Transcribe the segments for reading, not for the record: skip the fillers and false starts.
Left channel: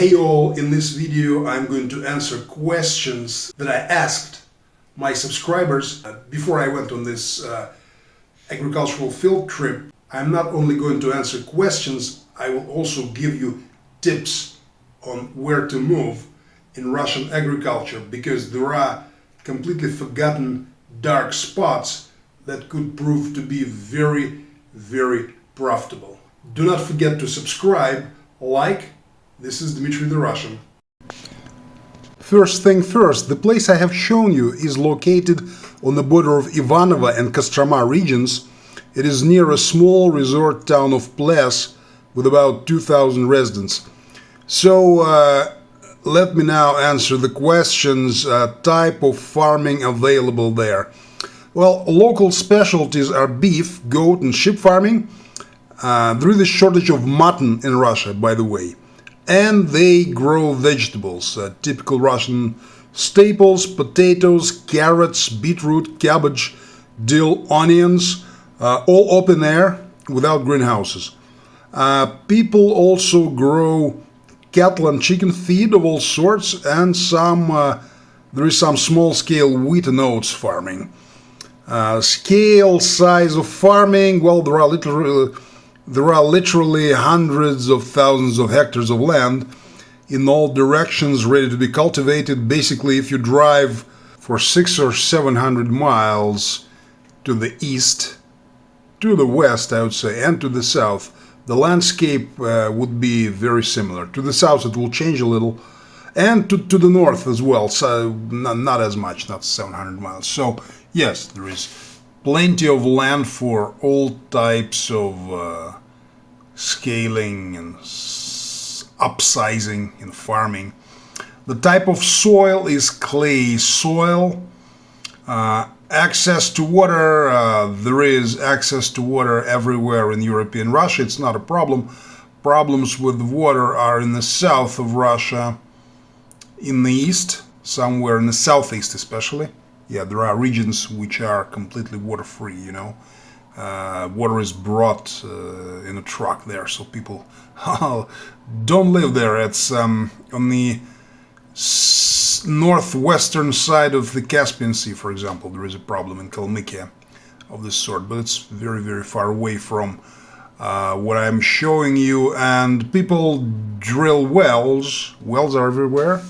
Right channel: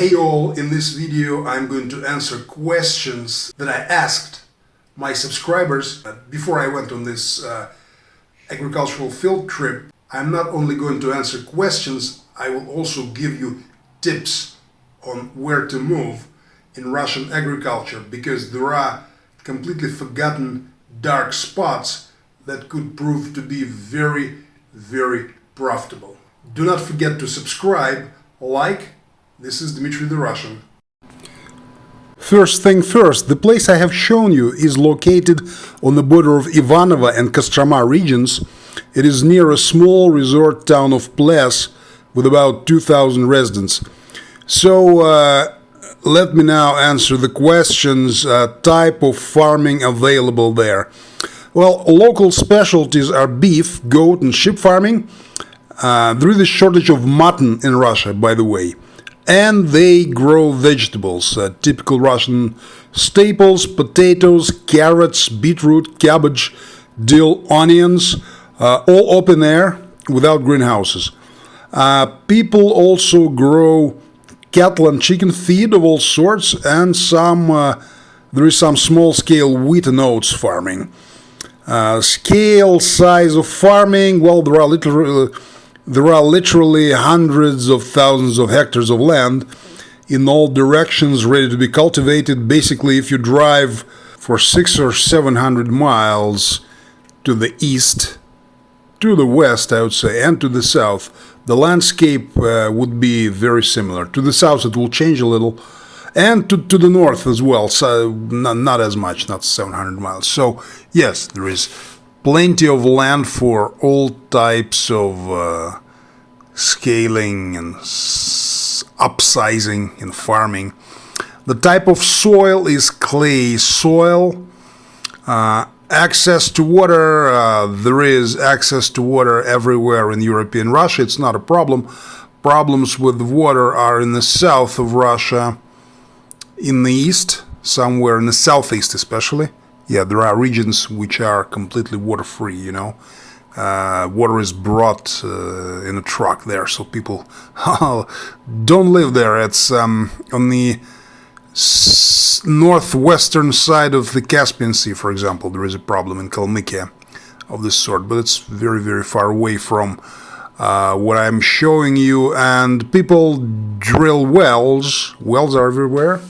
Hey all, in this video I'm going to answer questions that I asked my subscribers before I went on this agricultural field trip. I'm not only going to answer questions, I will also give you tips on where to move in Russian agriculture, because there are completely forgotten dark spots that could prove to be very, very profitable. Do not forget to subscribe, like. This is Dmitry the Russian. First thing first, the place I have shown you is located on the border of Ivanovo and Kostroma regions. It is near a small resort town of Ples with about 2,000 residents. So let me now answer the questions, type of farming available there. Well, local specialties are beef, goat and sheep farming. There is a shortage of mutton in Russia, by the way. And they grow vegetables, typical Russian staples, potatoes, carrots, beetroot, cabbage, dill, onions, all open air without greenhouses. People also grow cattle and chicken feed of all sorts, and there is some small-scale wheat and oats farming. Scale, size of farming, well, there are literally hundreds of thousands of hectares of land in all directions ready to be cultivated. Basically, if you drive for 600 or 700 miles to the east, to the west, I would say, and to the south, the landscape would be very similar. To the south, it will change a little, and to the north as well, so not as much, not 700 miles. So, yes, there is plenty of land for all types of scaling and upsizing in farming. The type of soil is clay soil. Access to water, there is access to water everywhere in European Russia. It's not a problem. Problems with water are in the south of Russia, in the east, somewhere in the southeast especially. Yeah, there are regions which are completely water-free, you know. Water is brought in a truck there, so people don't live there. It's on the northwestern side of the Caspian Sea, for example. There is a problem in Kalmykia of this sort, but it's very, very far away from what I'm showing you. And people drill wells. Wells are everywhere.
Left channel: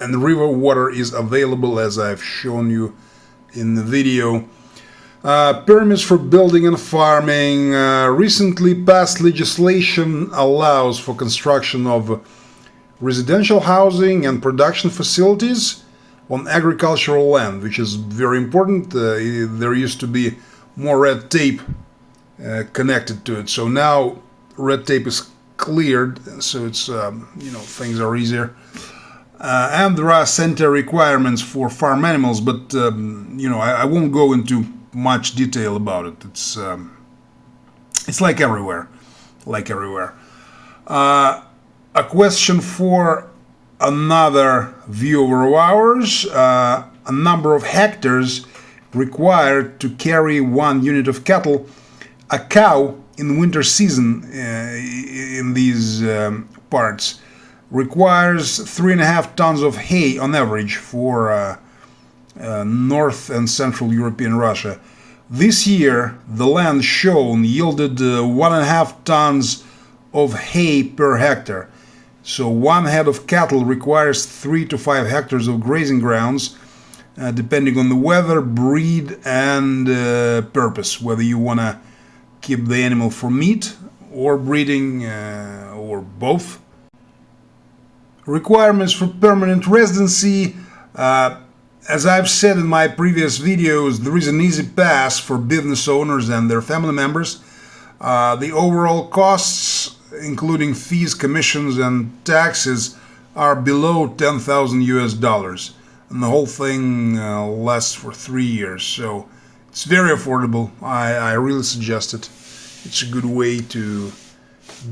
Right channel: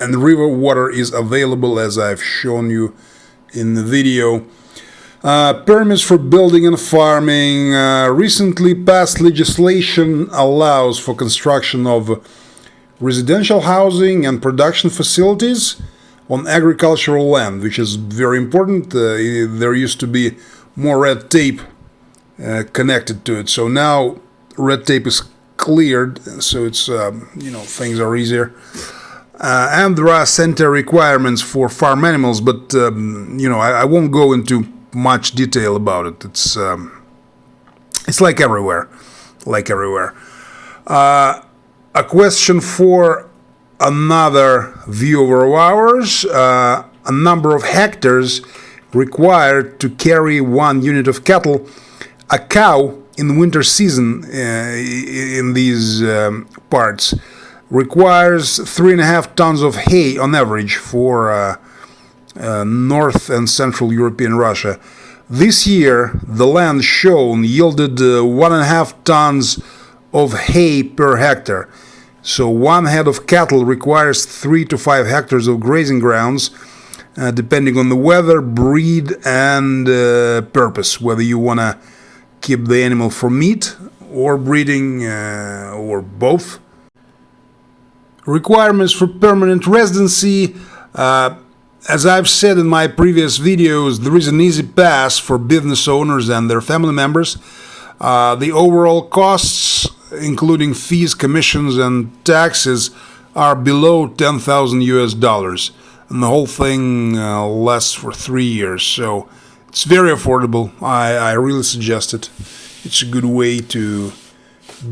And the river water is available, as I've shown you in the video. Permits for building and farming. Recently passed legislation allows for construction of residential housing and production facilities on agricultural land, which is very important. There used to be more red tape connected to it, so now red tape is cleared, so it's things are easier. And there are sanitary requirements for farm animals, but I won't go into much detail about it. It's like everywhere, a question for another viewer of ours: a number of hectares required to carry 1 unit of cattle. A cow in the winter season in these parts requires 3.5 tons of hay on average for North and Central European Russia. This year, the land shown yielded 1.5 tons of hay per hectare. So one head of cattle requires 3 to 5 hectares of grazing grounds, depending on the weather, breed, and purpose, whether you want to keep the animal for meat or breeding or both. Requirements for permanent residency. As I've said in my previous videos, there is an easy pass for business owners and their family members. The overall costs, including fees, commissions, and taxes, are below $10,000 and the whole thing lasts for 3 years. So it's very affordable. I really suggest it. It's a good way to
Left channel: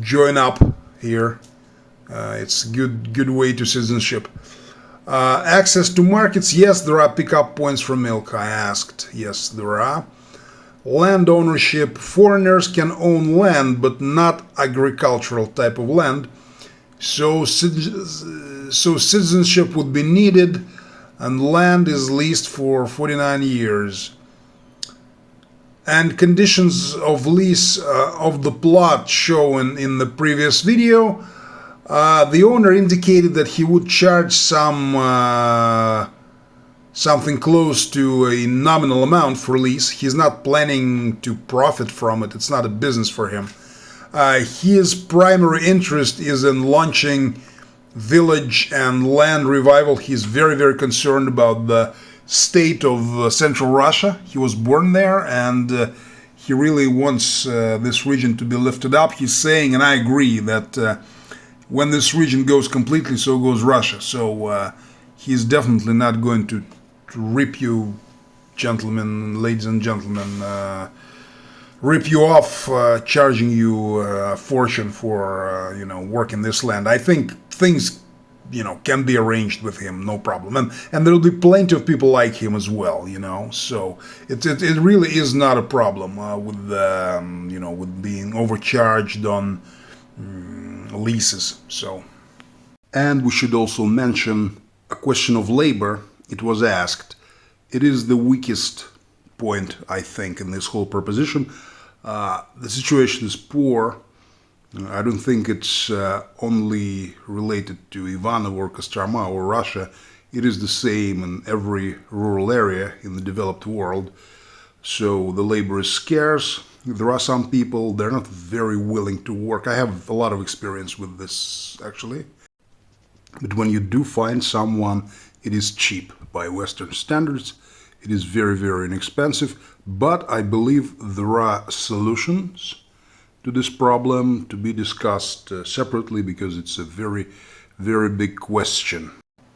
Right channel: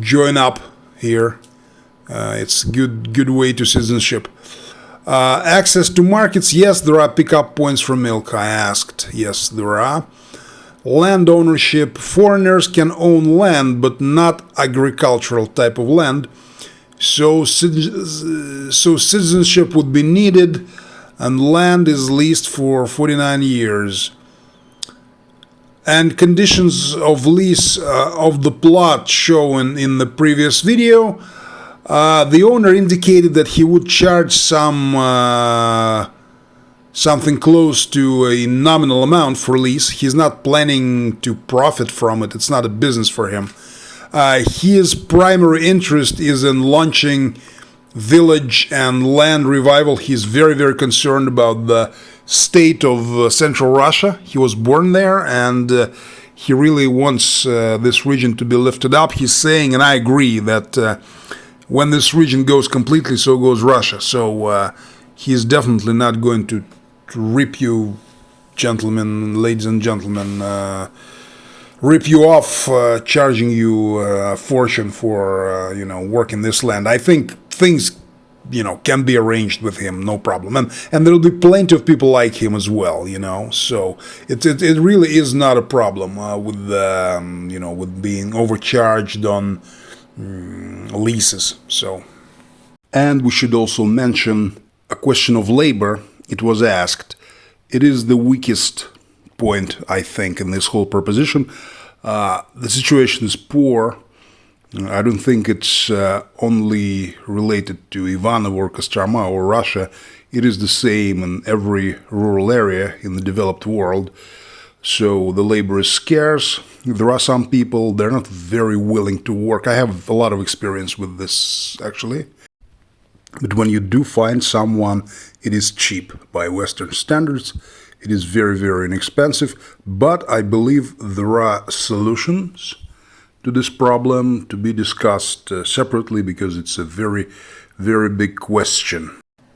join up here. It's a good way to citizenship. Access to markets. Yes, there are pickup points for milk. I asked. Yes, there are. land ownership. Foreigners can own land, but not agricultural type of land. So citizenship would be needed, and land is leased for 49 years. And conditions of lease of the plot shown in the previous video. The owner indicated that he would charge something close to a nominal amount for lease. He's not planning to profit from it. It's not a business for him. His primary interest is in launching village and land revival. He's very, very concerned about the state of Central Russia. He was born there, and he really wants this region to be lifted up. He's saying, and I agree, that when this region goes completely, so goes Russia. So he's definitely not going to rip you, gentlemen, ladies and gentlemen, rip you off, charging you a fortune for working this land. I think things can be arranged with him, no problem, and there'll be plenty of people like him as well, So it really is not a problem with with being overcharged on leases. So, and we should also mention a question of labor. It was asked. It is the weakest point, I think, in this whole proposition. The situation is poor. I don't think it's only related to Ivanov or Kostroma or Russia. It is the same in every rural area in the developed world. So the labor is scarce. There are some people, they're not very willing to work. I have a lot of experience with this, actually. But when you do find someone, it is cheap by Western standards. It is very, very inexpensive. But I believe there are solutions to this problem to be discussed separately, because it's a very, very big question.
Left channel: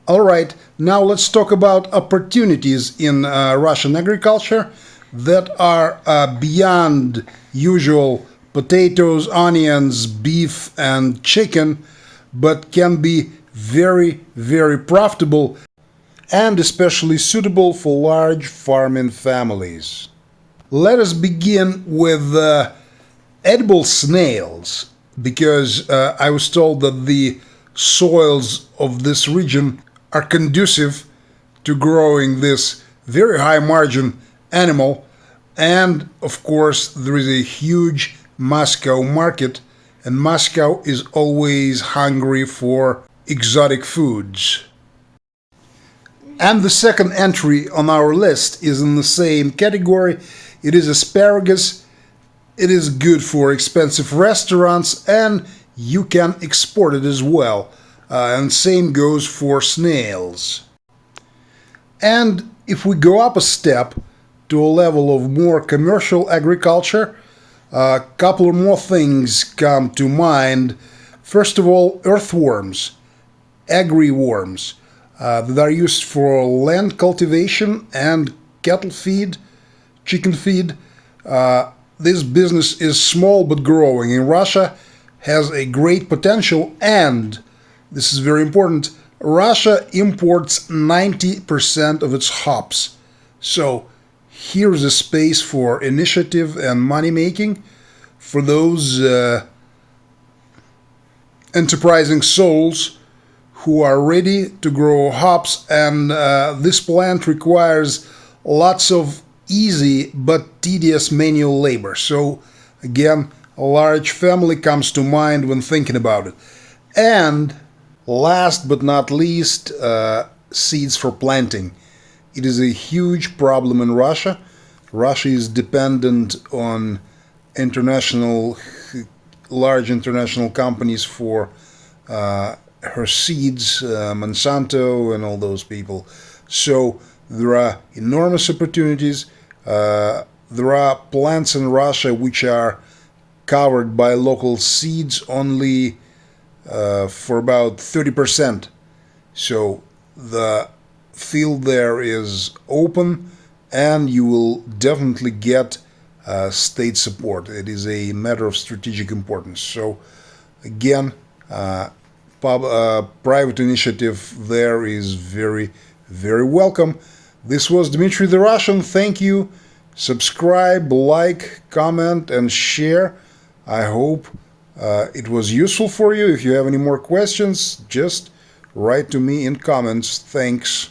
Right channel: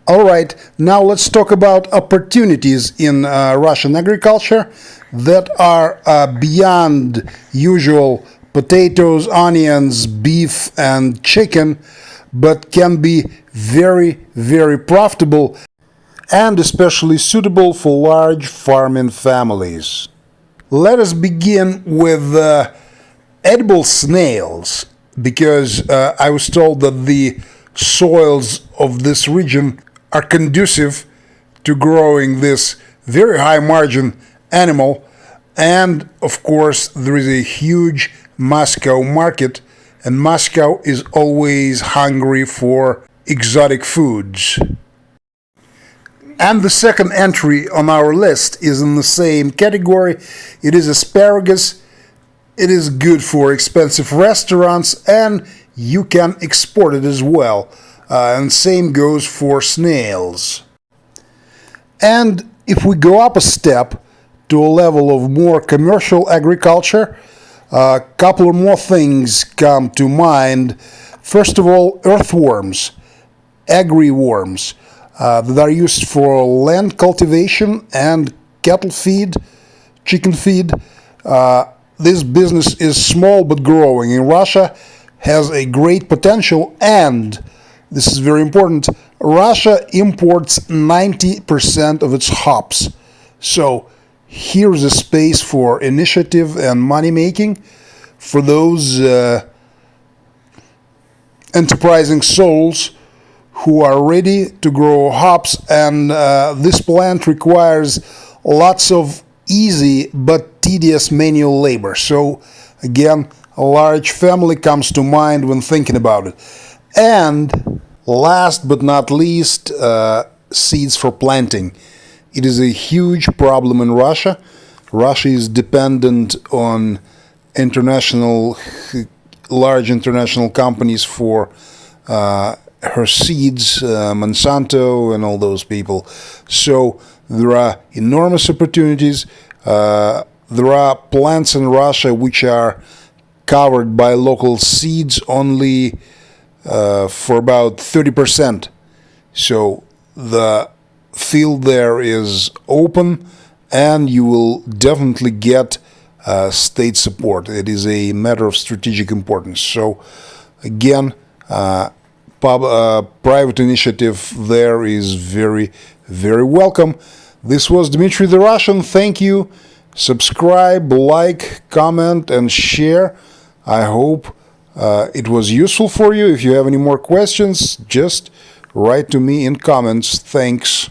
All right, now let's talk about opportunities in Russian agriculture that are beyond usual potatoes, onions, beef, and chicken, but can be very, very profitable and especially suitable for large farming families. Let us begin with edible snails, because I was told that the soils of this region are conducive to growing this very high margin animal, and of course there is a huge Moscow market, and Moscow is always hungry for exotic foods. And the second entry on our list is in the same category. It is asparagus. It is good for expensive restaurants, and you can export it as well. And same goes for snails. And if we go up a step to a level of more commercial agriculture, a couple of more things come to mind. First of all, earthworms, agri-worms, that are used for land cultivation and cattle feed, chicken feed. This business is small but growing. In Russia, has a great potential, and this is very important, Russia imports 90% of its hops. So here's a space for initiative and money making for those enterprising souls who are ready to grow hops, and this plant requires lots of easy but tedious manual labor. So again, a large family comes to mind when thinking about it. And last but not least, seeds for planting. It is a huge problem in Russia. Russia is dependent on large international companies for her seeds, Monsanto and all those people. So there are enormous opportunities. There are plants in Russia which are covered by local seeds only for about 30%. So the field there is open, and you will definitely get state support. It is a matter of strategic importance. So again, private initiative there is very, very welcome. This was Dmitry the Russian. Thank you Subscribe, like, comment, and share. I hope it was useful for you. If you have any more questions, just write to me in comments. Thanks.